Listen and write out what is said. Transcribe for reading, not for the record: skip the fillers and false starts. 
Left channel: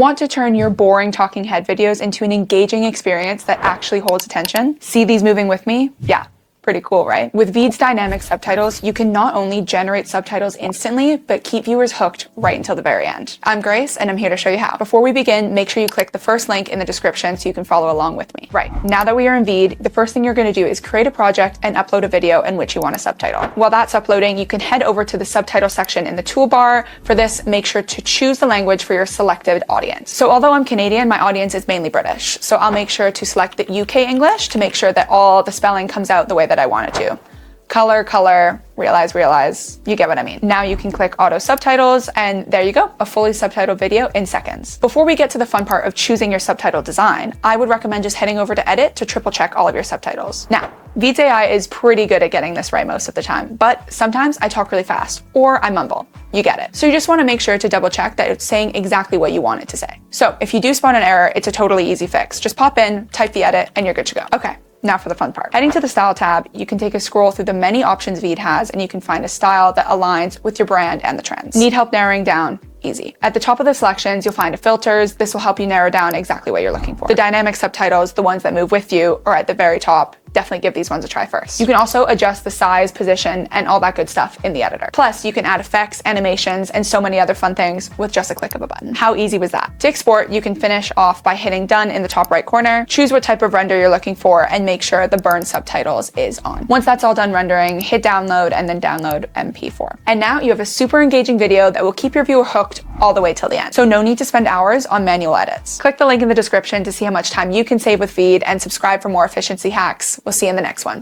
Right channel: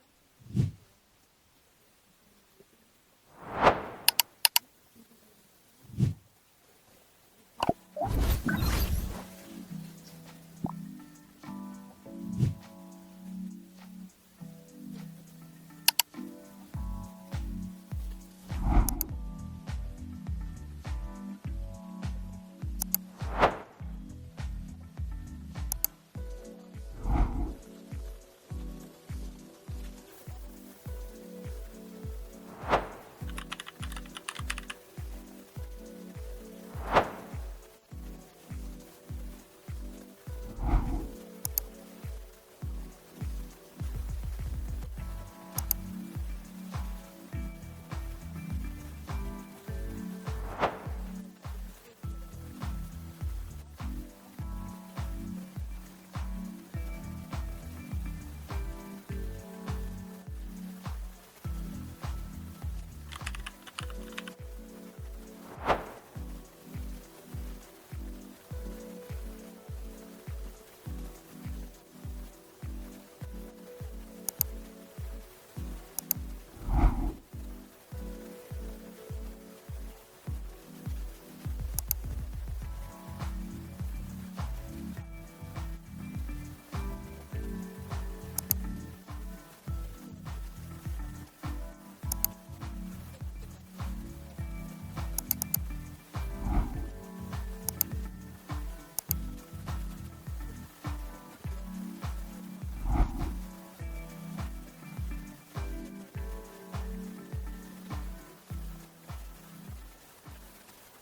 Want to turn your boring talking head videos into an engaging experience that actually holds attention? See these moving with me? Yeah. Pretty cool, right? With VEED's Dynamic Subtitles, you can not only generate subtitles instantly, but keep viewers hooked right until the very end. I'm Grace, and I'm here to show you how. Before we begin, make sure you click the first link in the description so you can follow along with me. Right, now that we are in VEED, the first thing you're gonna do is create a project and upload a video in which you want to subtitle. While that's uploading, you can head over to the subtitle section in the toolbar. For this, make sure to choose the language for your selected audience. So although I'm Canadian, my audience is mainly British. So I'll make sure to select the UK English to make sure that all the spelling comes out the way that I want it to. Color, realize, you get what I mean. Now you can click auto subtitles and there you go, a fully subtitled video in seconds. Before we get to the fun part of choosing your subtitle design, I would recommend just heading over to edit to triple check all of your subtitles. Now, VEED's AI is pretty good at getting this right most of the time, but sometimes I talk really fast or I mumble. You get it. So you just want to make sure to double check that it's saying exactly what you want it to say. So if you do spot an error, it's a totally easy fix. Just pop in, type the edit, and you're good to go. Okay. Now for the fun part. Heading to the style tab, you can take a scroll through the many options VEED has and you can find a style that aligns with your brand and the trends. Need help narrowing down? Easy. At the top of the selections, you'll find filters. This will help you narrow down exactly what you're looking for. The dynamic subtitles, the ones that move with you, are at the very top. Definitely give these ones a try first. You can also adjust the size, position, and all that good stuff in the editor. Plus, you can add effects, animations, and so many other fun things with just a click of a button. How easy was that? To export, you can finish off by hitting done in the top right corner, choose what type of render you're looking for, and make sure the burn subtitles is on. Once that's all done rendering, hit download and then download MP4. And now you have a super engaging video that will keep your viewer hooked all the way till the end. So no need to spend hours on manual edits. Click the link in the description to see how much time you can save with VEED and subscribe for more efficiency hacks. We'll see you in the next one.